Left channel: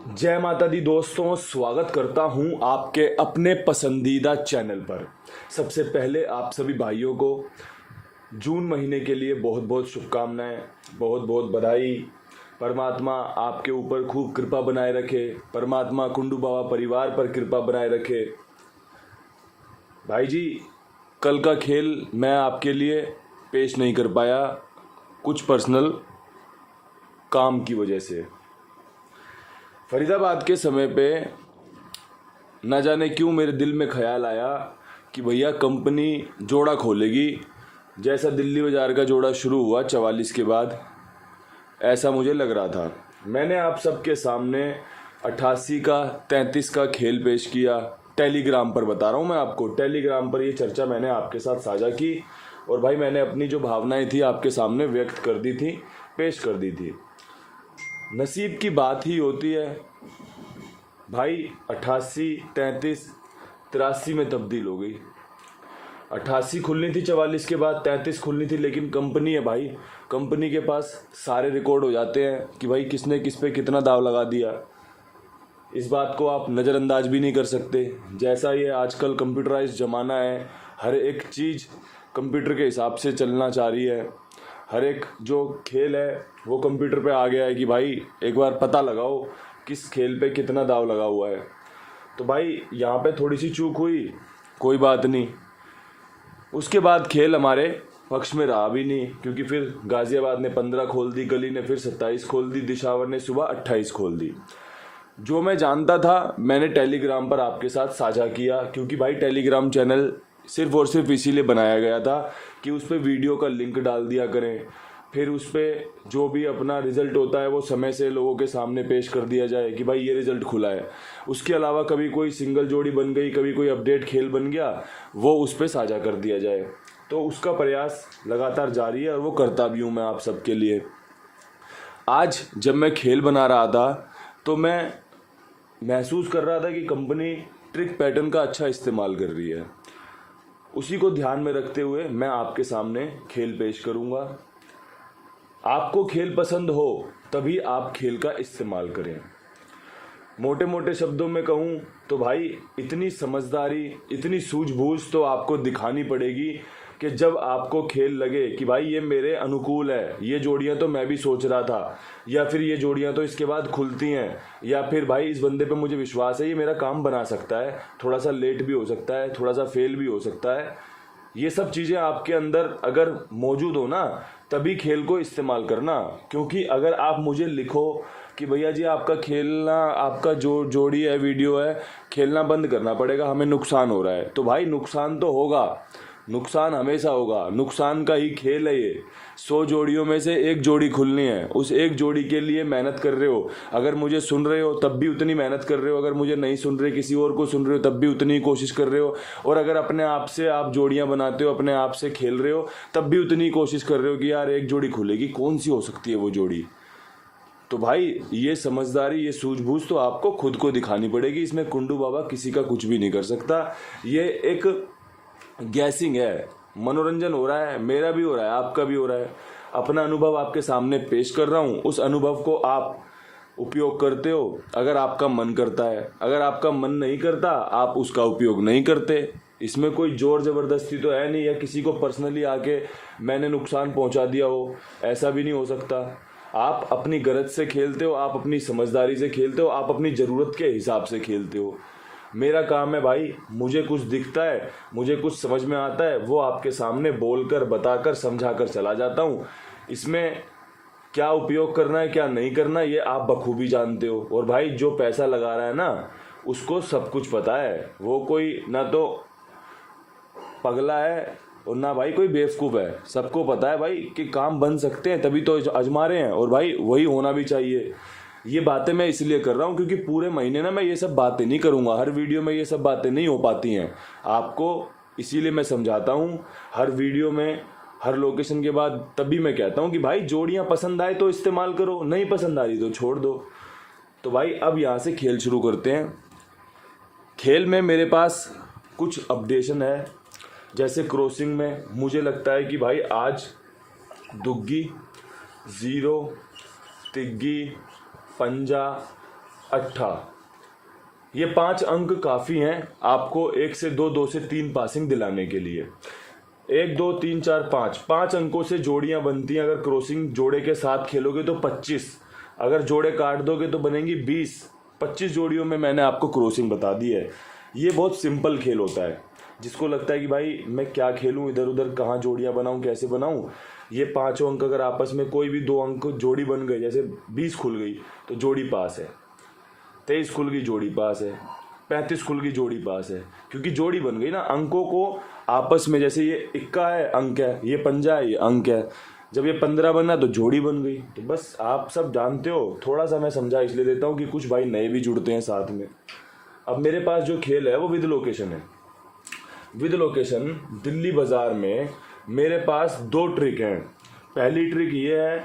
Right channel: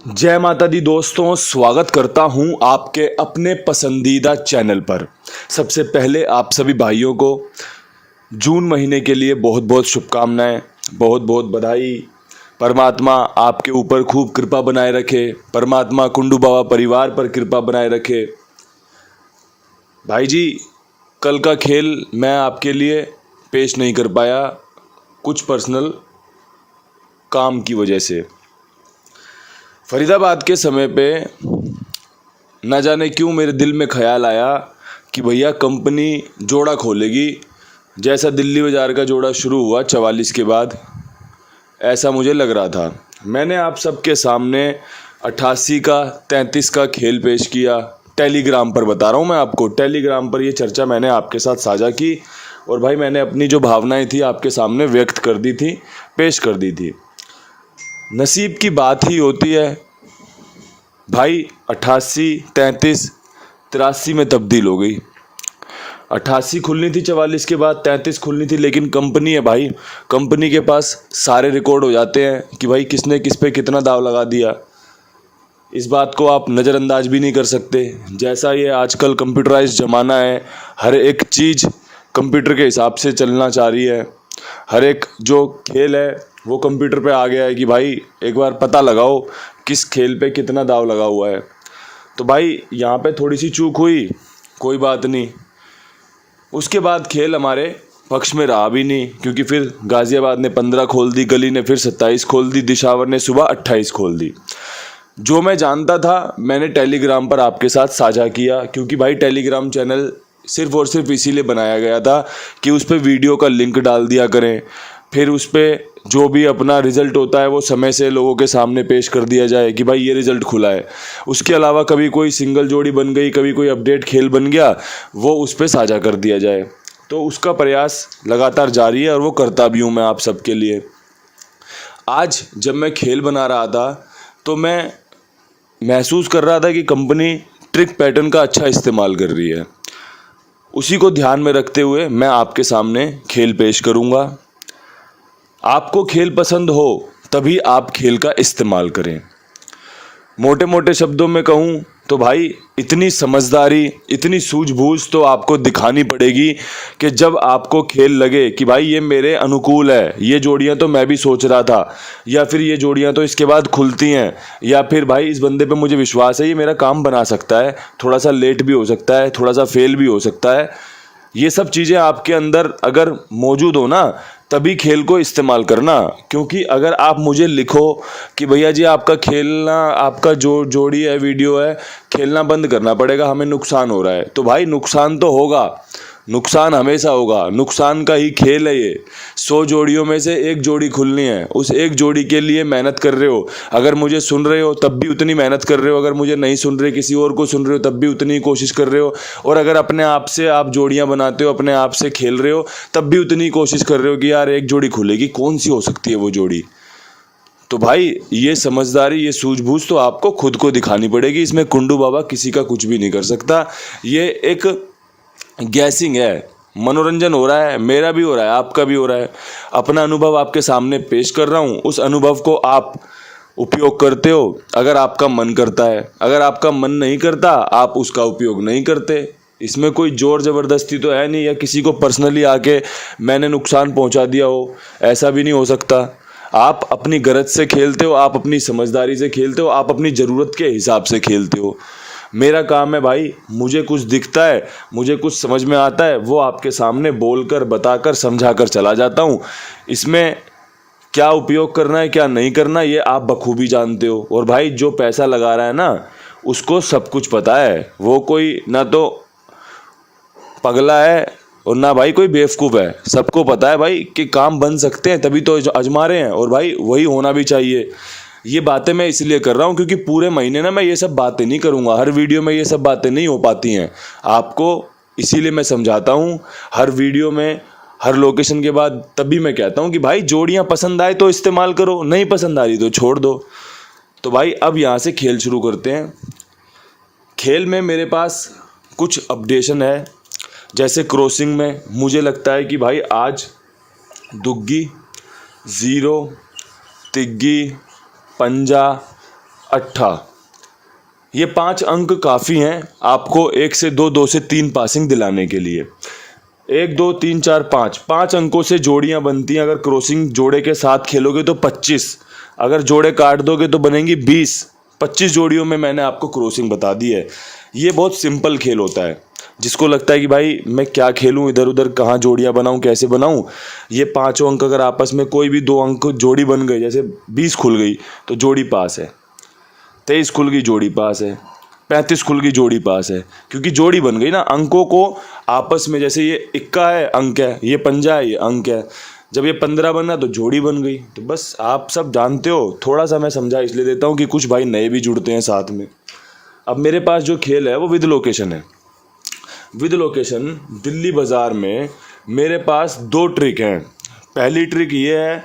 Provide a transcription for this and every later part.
जय माता दी दोस्तों, स्वागत करता हूं आपके अपने पसंदीदा चैनल पर। सबसे पहले आप सभी भाइयों को जून महीने के लिए बहुत बहुत शुभकामनाएं, बहुत बहुत बधाई। परमात्मा आपके ऊपर खूब कृपा बनाए रखे, परमात्मा कुंडू बाबा परिवार पर कृपा बनाए रखे। भाई जी, कल का खेल मैं आपके लिए पेश नहीं कर पाया, कुछ पर्सनल काम की वजह से। फरीदाबाद के समय पे न जाने क्यों मेरे दिल में ख्याल आया कि भैया कंपनी जोड़ा खोलेगी। जैसा दिल्ली बाज़ार का जोड़ा शुरू हुआ 44 के बाद, ऐसा मुझे लग रहा था। मैंने आप सबके सामने 88 का 33 का खेल पेश किया। टेलीग्राम पर बता रहा हूँ मैं आपको, टेलीग्राम पर ये चर्चा मैंने आपके साथ साझा की और भाई मैंने अपनी जो भावनाएं थी आपके सामने व्यक्त कर दी थी, पेश कर दी थी। नसीब की बात ही होती है भाई। 88, 33, 83 में तब्दील हो गई। 88 खुलनी थी 44 के बाद, 33 खुलनी थी, लेकिन कंपनी है भाई, कंपनी के पास सारे रिकॉर्ड हो जाते हैं कि भाई किसने किस पे कितना दाव लगा दिया। इस बात को आप नज़रअंदाज भी नहीं कर सकते। जैसा ये आजकल कंप्यूटराइज ज़माना है, हर एक चीज़ कंप्यूटर के हिसाब से चलना चाह रही है। हर एक जो खेल है वो कंप्यूटर पे आ गया है कि भाई एक बार पता लगाओ किस खेल पे कितना दाव लगा हुआ है। तो भाई यहाँ पे थोड़ी सी चूक हुई, कोई बात नहीं। उसके बाद खेल हमारे पक्ष में रहा भी नहीं, क्योंकि फिर गाज़ियाबाद ने 15 खोल दी, गली ने फिर 27 खोल दी, दिशावर ने सुबह 28 खोल दी। जो मैं जानता था मैंने टेलीग्राम पर आपके साथ साझा किया, क्योंकि भाई टेलीग्राम चैनल सिर्फ़ और सिर्फ इसीलिए बनाया गया था कि उस पर वीडियो का लिंक डाल दिया करें, फिर उस पर जो भी अपना रिज़ल्ट होता है वो समय से लोगों के सामने पेश कर दिया जाए कि भाई ये रिज़ल्ट खुला है। उसके अलावा कभी कोई सिंगल जोड़ी बन गई, कभी कोई अपडेट खेल बन गया, वो उस पर साझा कर दिया जाए। तो उसका प्रयास लगातार जारी है और वो करता भी हूँ मैं आप सबके लिए। आज जब मैं खेल बना रहा था तो मैं महसूस कर रहा था कि कंपनी ट्रिक पैटर्न का अच्छा इस्तेमाल कर रही है। उसी को ध्यान में रखते हुए मैं आपके सामने खेल पेश करूँगा। आपको खेल पसंद हो तभी आप खेल का इस्तेमाल करें। मोटे मोटे शब्दों में कहूँ तो भाई इतनी समझदारी, इतनी सूझबूझ तो आपको दिखानी पड़ेगी कि जब आपको खेल लगे कि भाई ये मेरे अनुकूल है, ये जोड़ियाँ तो मैं भी सोच रहा था, या फिर ये जोड़ियाँ तो इसके बाद खुलती हैं, या फिर भाई इस बंदे पे मुझे विश्वास है ये मेरा काम बना सकता है, थोड़ा सा लेट भी हो सकता है, थोड़ा सा फेल भी हो सकता है। ये सब चीज़ें आपके अंदर अगर मौजूद हो ना, तभी खेल को इस्तेमाल करना। क्योंकि अगर आप मुझे लिखो कि भैया जी आपका खेलना, आपका जो जोड़ी है, वीडियो है, खेलना बंद करना पड़ेगा, हमें नुकसान हो रहा है, तो भाई नुकसान तो होगा, नुकसान हमेशा होगा, नुकसान का ही खेल है ये। 100 जोड़ियों में से एक जोड़ी खुलनी है, उस एक जोड़ी के लिए मेहनत कर रहे हो। अगर मुझे सुन रहे हो तब भी उतनी मेहनत कर रहे हो, अगर मुझे नहीं सुन रहे किसी और को सुन रहे हो तब भी उतनी कोशिश कर रहे हो, और अगर अपने आप से आप जोड़ियां बनाते हो, अपने आप से खेल रहे हो, तब भी उतनी कोशिश कर रहे हो कि यार एक जोड़ी खुलेगी, कौन सी हो सकती है वो जोड़ी। तो भाई ये समझदारी, ये सूझबूझ तो आपको खुद को दिखानी पड़ेगी। इसमें कुंडू बाबा किसी का कुछ भी नहीं कर सकता। ये एक गैसिंग है, मनोरंजन हो रहा है, मेरा भी हो रहा है, आपका भी हो रहा है। अपना अनुभव आपके सामने पेश कर रहा हूँ, उस अनुभव को आप उपयोग करते हो अगर आपका मन करता है, अगर आपका मन नहीं करता आप उसका उपयोग नहीं करते। इसमें कोई जोर ज़बरदस्ती तो है नहीं, या किसी को पर्सनली आके मैंने नुकसान पहुंचा दिया हो, ऐसा भी नहीं हो सकता। आप अपनी गरज से खेलते हो, आप अपनी समझदारी से खेलते हो, आप अपनी ज़रूरत के हिसाब से खेलते हो। मेरा काम है भाई, मुझे कुछ दिखता है, मुझे कुछ समझ में आता है, वो आपके सामने बोलकर, बताकर, समझाकर चला जाता हूँ। इसमें क्या उपयोग करना है, क्या नहीं करना, ये आप बखूबी जानते हो। और भाई जो पैसा लगा रहा है ना, उसको सब कुछ पता है। वो कोई ना तो पगला है और ना भाई कोई बेवकूफ़ है। सबको पता है भाई कि काम बन सकते हैं, तभी तो आजमा रहे हैं, और भाई वही होना भी चाहिए। ये बातें मैं इसलिए कर रहा हूँ क्योंकि पूरे महीने ना मैं ये सब बातें नहीं करूँगा, हर वीडियो में ये सब बातें नहीं हो पाती हैं आपको, इसीलिए मैं समझाता हूँ हर वीडियो में, हर लोकेशन के बाद। तभी मैं कहता हूँ कि भाई जोड़ियाँ पसंद आए तो इस्तेमाल करो, नहीं पसंद आ रही तो छोड़ दो। तो भाई अब यहाँ से खेल शुरू करते हैं। खेल में मेरे पास कुछ अपडेशन है। जैसे क्रॉसिंग में मुझे लगता है कि भाई आज दुग्गी, ज़ीरो, तिग्गी, पंजा, अट्ठा। ये 5 अंक काफ़ी हैं आपको 1 से 2, 2 से 3 पासिंग दिलाने के लिए। 1 2 3 4 5, 5 अंकों से जोड़ियां बनती हैं। अगर क्रॉसिंग जोड़े के साथ खेलोगे तो 25, अगर जोड़े काट दोगे तो बनेंगी 20। 25 जोड़ियों में मैंने आपको क्रॉसिंग बता दी है। ये बहुत सिंपल खेल होता है। जिसको लगता है कि भाई मैं क्या खेलूं, इधर उधर कहाँ जोड़ियां बनाऊं, कैसे बनाऊं, ये 5 अंक अगर आपस में कोई भी 2 अंक जोड़ी बन गए, जैसे 20 खुल गई तो जोड़ी पास है, 23 खुल गई जोड़ी पास है, 35 खुल गई जोड़ी पास है, क्योंकि जोड़ी बन गई ना। अंकों को आपस में, जैसे ये इक्का है अंक है, ये पंजा है ये अंक है, जब ये 15 बना तो जोड़ी बन गई। तो बस आप सब जानते हो, थोड़ा सा मैं समझा इसलिए देता हूँ कि कुछ भाई नए भी जुड़ते हैं साथ में। अब मेरे पास जो खेल है वो विद लोकेशन है। विद लोकेशन दिल्ली बाज़ार में मेरे पास 2 ट्रिक हैं। पहली ट्रिक ये है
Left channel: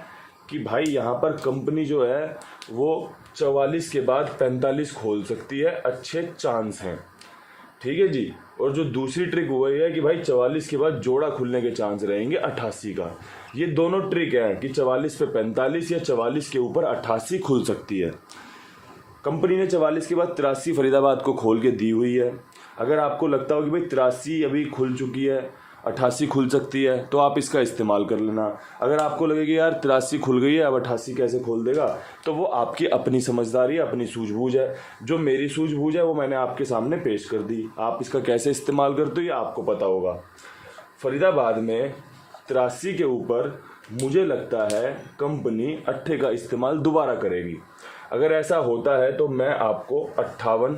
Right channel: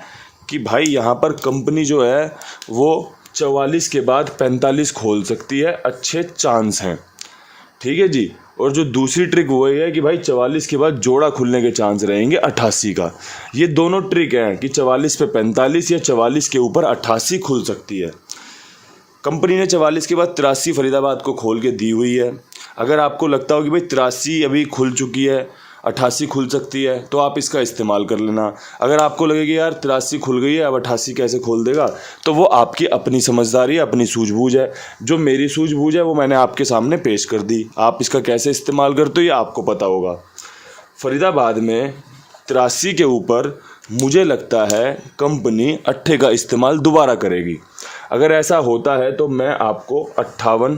कि भाई यहाँ पर कंपनी जो है वो 44 के बाद 45 खोल सकती है, अच्छे चांस हैं, ठीक है जी। और जो दूसरी ट्रिक वो ये है कि भाई 44 के बाद जोड़ा खुलने के चांस रहेंगे 88 का। ये दोनों ट्रिक हैं कि 44 पे 45 या 44 के ऊपर 88 खुल सकती है। कंपनी ने 44 के बाद 83 फरीदाबाद को खोल के दी हुई है। अगर आपको लगता हो कि भाई 83 अभी खुल चुकी है, 88 खुल सकती है, तो आप इसका इस्तेमाल कर लेना। अगर आपको लगे कि यार 83 खुल गई है, अब 88 कैसे खोल देगा, तो वो आपकी अपनी समझदारी, अपनी सूझबूझ है। जो मेरी सूझबूझ है वो मैंने आपके सामने पेश कर दी। आप इसका कैसे इस्तेमाल करते हो ये आपको पता होगा। फरीदाबाद में 83 के ऊपर मुझे लगता है कंपनी 8 का इस्तेमाल दोबारा करेगी। अगर ऐसा होता है तो मैं आपको 58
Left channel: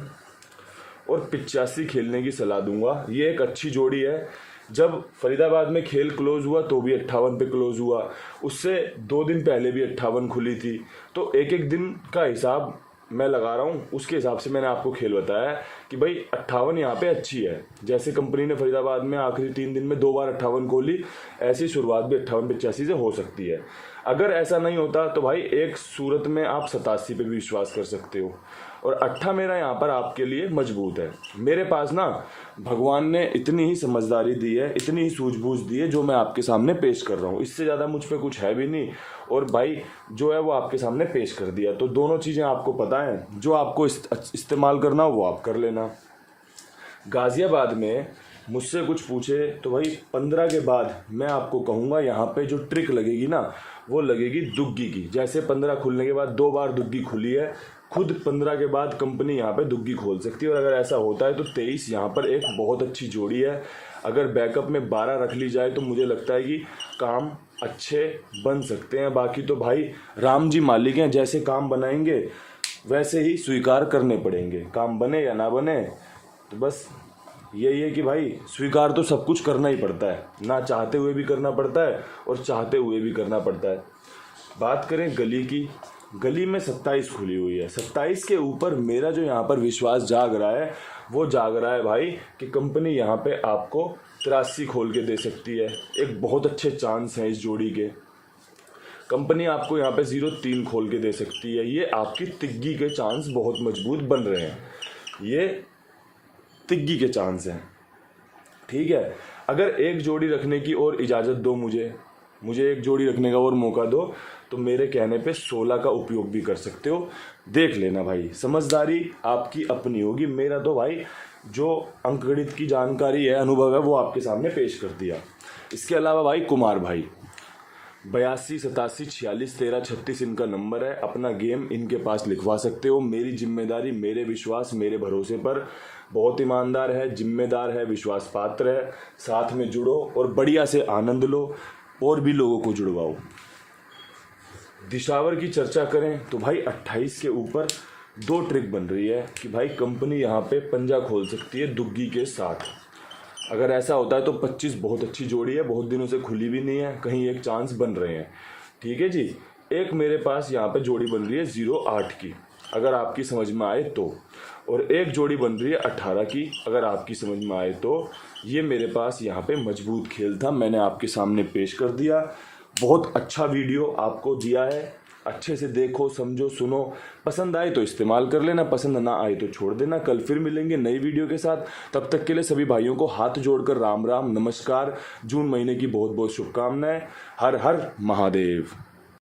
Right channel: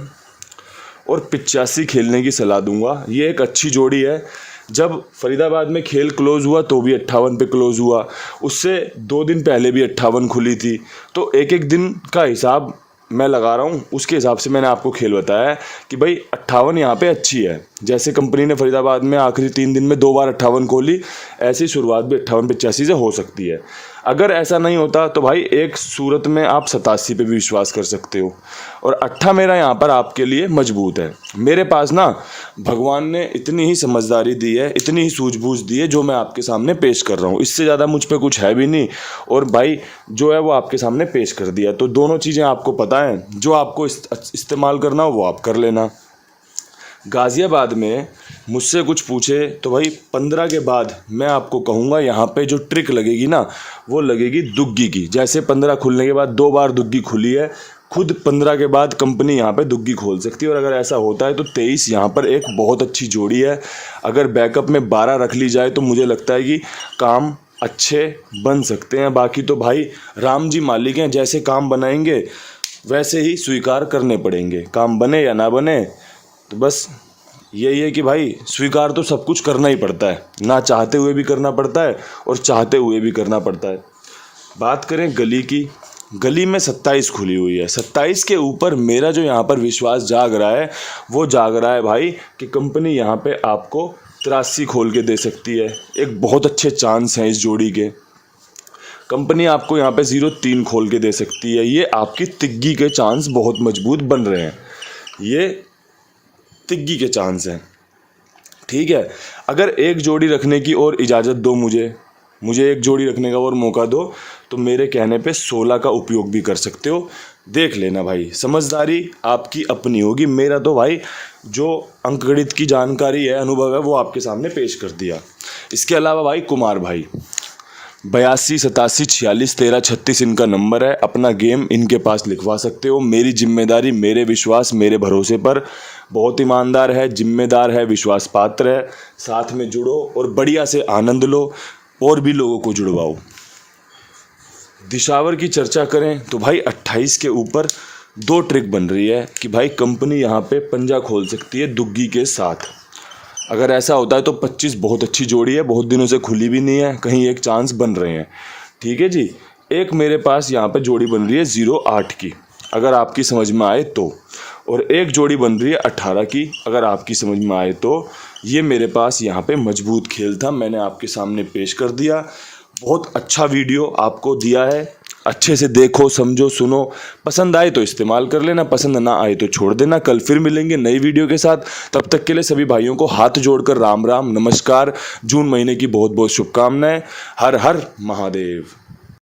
और 85 खेलने की सलाह दूंगा। ये एक अच्छी जोड़ी है। जब फरीदाबाद में खेल क्लोज हुआ तो भी 58 पे क्लोज हुआ, उससे 2 दिन पहले भी 58 खुली थी। तो एक एक दिन का हिसाब मैं लगा रहा हूँ, उसके हिसाब से मैंने आपको खेल बताया है कि भाई 58 यहाँ पे अच्छी है। जैसे कंपनी ने फरीदाबाद में आखिरी 3 दिन में 2 बार 58 खोली, ऐसी शुरुआत भी 58-85 से हो सकती है। अगर ऐसा नहीं होता तो भाई एक सूरत में आप 87 पे भी विश्वास कर सकते हो। और 8 मेरा यहाँ पर आपके लिए मजबूत है। मेरे पास ना भगवान ने इतनी ही समझदारी दी है, इतनी ही सूझबूझ दी है, जो मैं आपके सामने पेश कर रहा हूँ। इससे ज़्यादा मुझ पे कुछ है भी नहीं, और भाई जो है वो आपके सामने पेश कर दिया। तो दोनों चीज़ें आपको पता है, जो आपको इस्तेमाल करना हो वो आप कर लेना। गाज़ियाबाद में मुझसे कुछ पूछे तो भाई 15 के बाद मैं आपको कहूँगा यहाँ पे जो ट्रिक लगेगी ना, वो लगेगी दुग्गी की। जैसे 15 खुलने के बाद 2 बार दुग्गी खुली है, खुद 15 के बाद कंपनी यहाँ पे दुग्गी खोल सकती है। और अगर ऐसा होता है तो 23 यहाँ पर एक बहुत अच्छी जोड़ी है। अगर बैकअप में 12 रख ली जाए तो मुझे लगता है कि काम अच्छे बन सकते हैं। बाकी तो भाई राम जी मालिक हैं, जैसे काम बनाएंगे वैसे ही स्वीकार करने पड़ेंगे। काम बने या ना बने, तो बस यही है कि भाई स्वीकार तो सब कुछ करना ही पड़ता है, ना चाहते हुए भी करना पड़ता है और चाहते हुए भी करना पड़ता है। बात करें गली की, गली में 27 खुली हुई है। 27 के ऊपर मेरा जो यहाँ पर विश्वास जाग रहा है वो जाग रहा है भाई कि कंपनी यहाँ पे आपको 83 खोल के दे सकती है। एक बहुत अच्छे चांस हैं इस जोड़ी के। कंपनी आपको यहाँ पे 0-3 खोल के दे सकती है। ये आपकी तिग्गी के चांस बहुत मजबूत बन रहे हैं, ये तिग्गी के चांस हैं, ठीक है। अगर एक जोड़ी रखने की और इजाज़त दो, मुझे एक जोड़ी रखने का और मौका दो, तो मेरे कहने पे 16 का उपयोग भी कर सकते हो। देख लेना भाई, समझदारी आपकी अपनी होगी। मेरा तो भाई जो अंकगणित की जानकारी है, अनुभव है, वो आपके सामने पेश कर दिया। इसके अलावा भाई कुमार भाई 82 87 46 13 36 इनका नंबर है। अपना गेम इनके पास लिखवा सकते हो। मेरी जिम्मेदारी, मेरे विश्वास, मेरे भरोसे पर। बहुत ईमानदार है, जिम्मेदार है, विश्वास पात्र है। साथ में जुड़ो और बढ़िया से आनंद लो और भी लोगों को जुड़वाओ। दिशावर की चर्चा करें तो भाई 28 के ऊपर 2 ट्रिक बन रही है कि भाई कंपनी यहाँ पे पंजा खोल सकती है दुग्गी के साथ। अगर ऐसा होता है तो 25 बहुत अच्छी जोड़ी है, बहुत दिनों से खुली भी नहीं है, कहीं एक चांस बन रहे हैं, ठीक है जी। एक मेरे पास यहाँ पे जोड़ी बन रही है 0-8 की, अगर आपकी समझ में आए तो। और एक जोड़ी बन रही है 18 की, अगर आपकी समझ में आए तो। ये मेरे पास यहाँ पे मजबूत खेल था, मैंने आपके सामने पेश कर दिया। बहुत अच्छा वीडियो आपको दिया है, अच्छे से देखो, समझो, सुनो। पसंद आए तो इस्तेमाल कर लेना, पसंद ना आए तो छोड़ देना। कल फिर मिलेंगे नई वीडियो के साथ। तब तक के लिए सभी भाइयों को हाथ जोड़कर राम राम, नमस्कार। जून महीने की बहुत बहुत शुभकामनाएं। हर हर महादेव।